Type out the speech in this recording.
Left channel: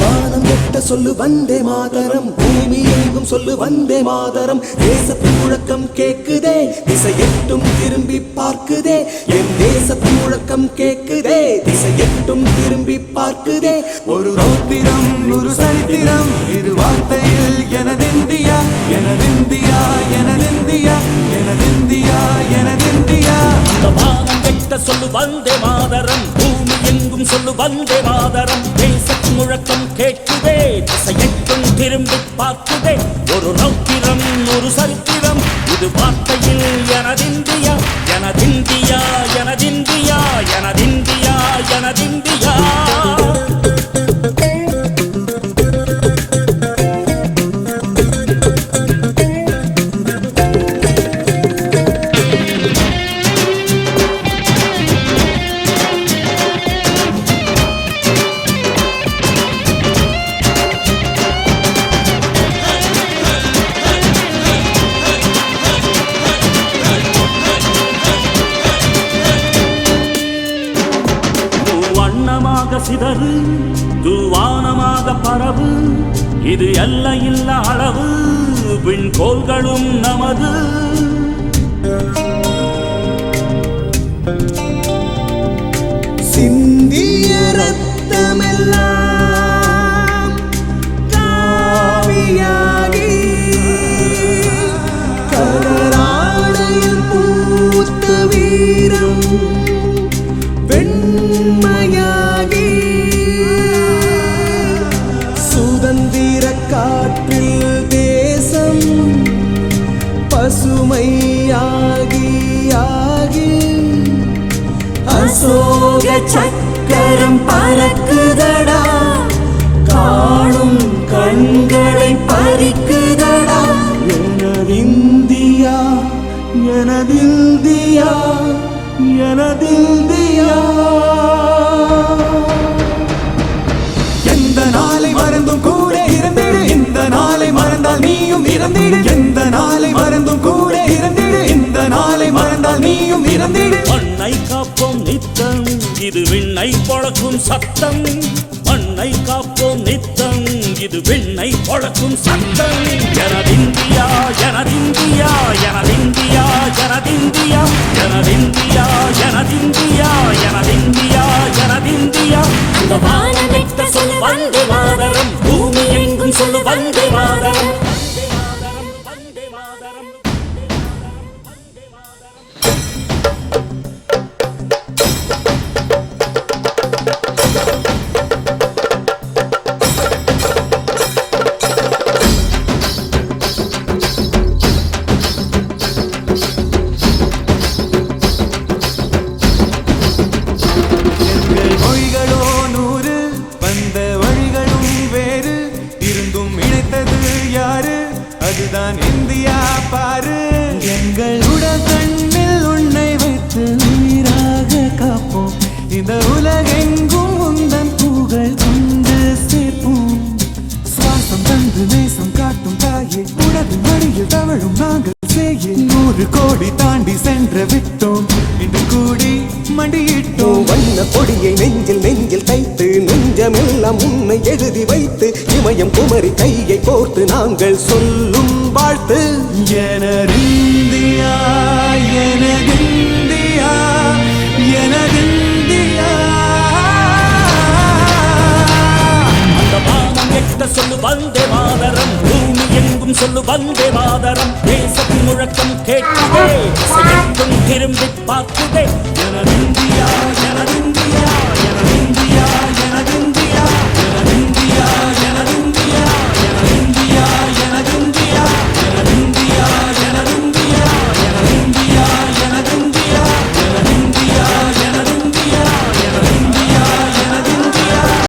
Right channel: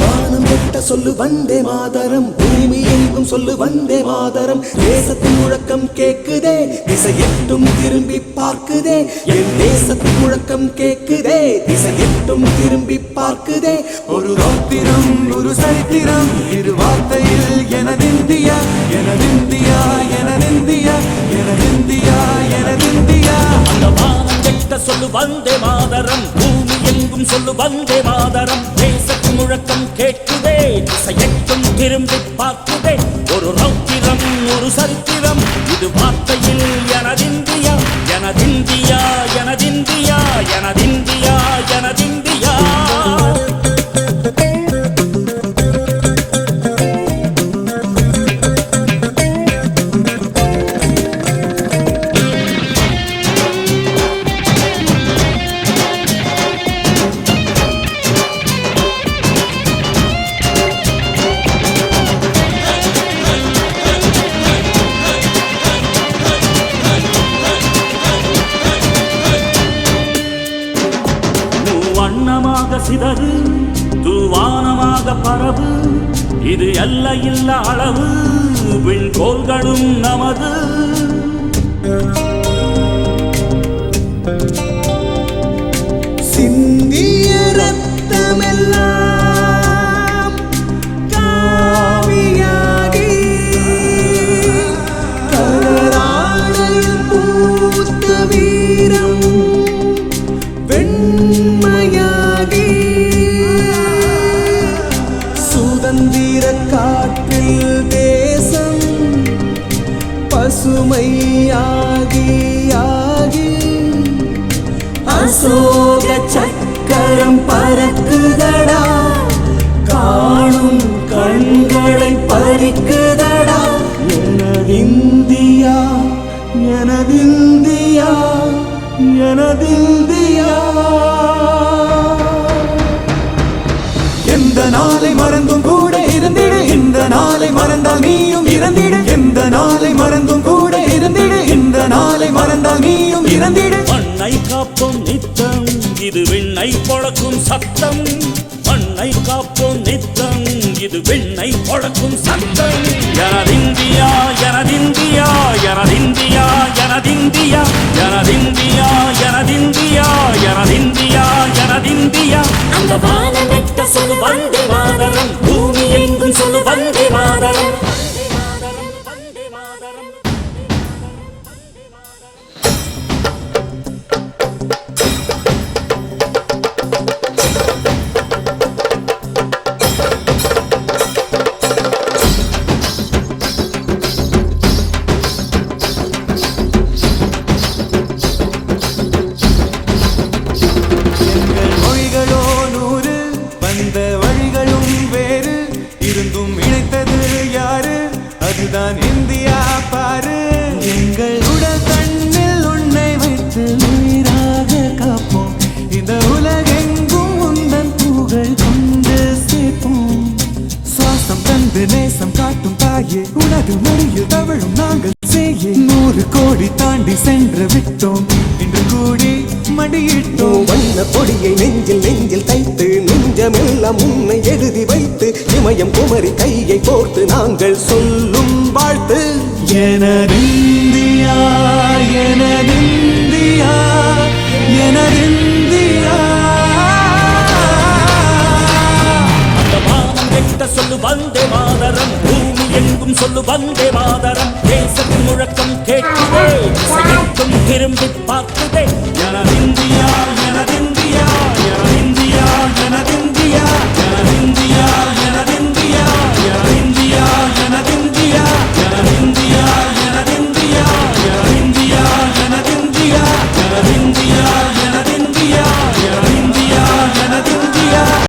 வானம் எட்ட சொல்லு வந்தே மாதரம், பூமி எங்கும் சொல்லு வந்தே மாதரம். தேசத்தின் முழக்கம் கேக்குதே, திசை எட்டும் திரும்பி பார்க்குதே. என் தேசத்தின் முழக்கம் கேக்குதே, திசை எட்டும் திரும்பி பார்க்குதே. ஒரு ரோத்திரம் ஒரு சரித்திரம் இரு வார்த்தையில் எனதிந்தியா எனதிந்தியா எனதிந்தியா எனதிந்தியா எனதிந்தியா. அந்த வானம் எட்ட சொல்லு வந்தே மாதரம், பூமி எங்கும் சொல்லு வந்தே மாதரம். தேசத்தின் முழக்கம் கேட்குதே, திசை எட்டும் திரும்பி பார்க்குதே. ஒரு ரௌத்திரம் ஒரு சரித்திரம் இது வார்த்தையில் எனதிந்தியா எனதிந்தியா எனதிந்தியா எனதிந்தியா எனதிந்தியா. வண்ணமாக சிதறு தூவானமாக பரவு, இது எல்லையில்லா அளவு விண்கோள்களும் நமது. சிந்திய ரத்தமெல்லாம் காவியாகி கலராடையில் பூத்த வீரம் வெண்மையாகி சுதந்திர காற்றில் தேசம் பசுமையாகி ஆகி அசோக சக்கரம் பறக்குதடா, காணும் கண்களை பறிக்குதடா. எனதிந்தியா எனதிந்தியா எனதிந்தியா. எந்த நாளை மறந்தும் கூட இருந்திடு, இந்த நாளை மறந்தால் நீயும் இறந்திடு. எந்த நாளை மறந்தும் கூட இருந்திடு, இந்த நாளை மறந்தால் நீயும் இறந்திடு. மண்ணை காப்போம் நித்தம் இது விண்ணை பொழக்கும் சத்தம். மண்ணை காப்போம் நித்தம் இது விண்ணை பொழக்கும் சத்தம். எனதிந்தியா எனதிந்தியா எனதிந்தியா எனதிந்தியா எனதிந்தியா எனதிந்தியா எனதிந்தியா எனதிந்தியா. அந்த வானம் வெட்ட சொல்லு வந்தே மாதரம், பூமி எங்கும் சொல்லு வந்தே மாதரம். வந்தே மாதரம் வந்தே மாதரம். எங்கள் மொழிகளோ 100, வந்த வழிகளும் வேறு, இருந்தும் இணைத்தது யாரு? அதுதான் இந்தியா பாரு. எங்கள் உடல் தன்னில் உன்னை வைத்து உயிராக காப்போம், இந்த உலகெங்கும் உந்தன் புகழ் கொண்டு சேர்ப்போம். சுவாசம் தந்து நேசம் காட்டும் தாயே, உலகு மொழியில் தவழும் நாங்கள் செய்ய 100 கோடி தாண்டி சென்று விட்டோம், இன்று கூடி மண்டியிட்டோம். வண்ண கொடியை நெஞ்சில் நெஞ்சில் தைத்து நெஞ்சமெல்லாம் உன்னை எழுதி வைத்து இமயம் குமரி கையை கோர்த்து நாங்கள் சொல்லும் வாழ்த்து. எனதிந்தியா எனதிந்தியா எனதிந்தியா. அந்த வானம் எட்ட சொல்லு வந்தே மாதரம், பூமி எங்கும் சொல்லு வந்தே மாதரம். தேசத்தின் முழக்கம் கேட்குதே, திசை எட்டும் திரும்பி பார்க்குதே. எனதிந்தியா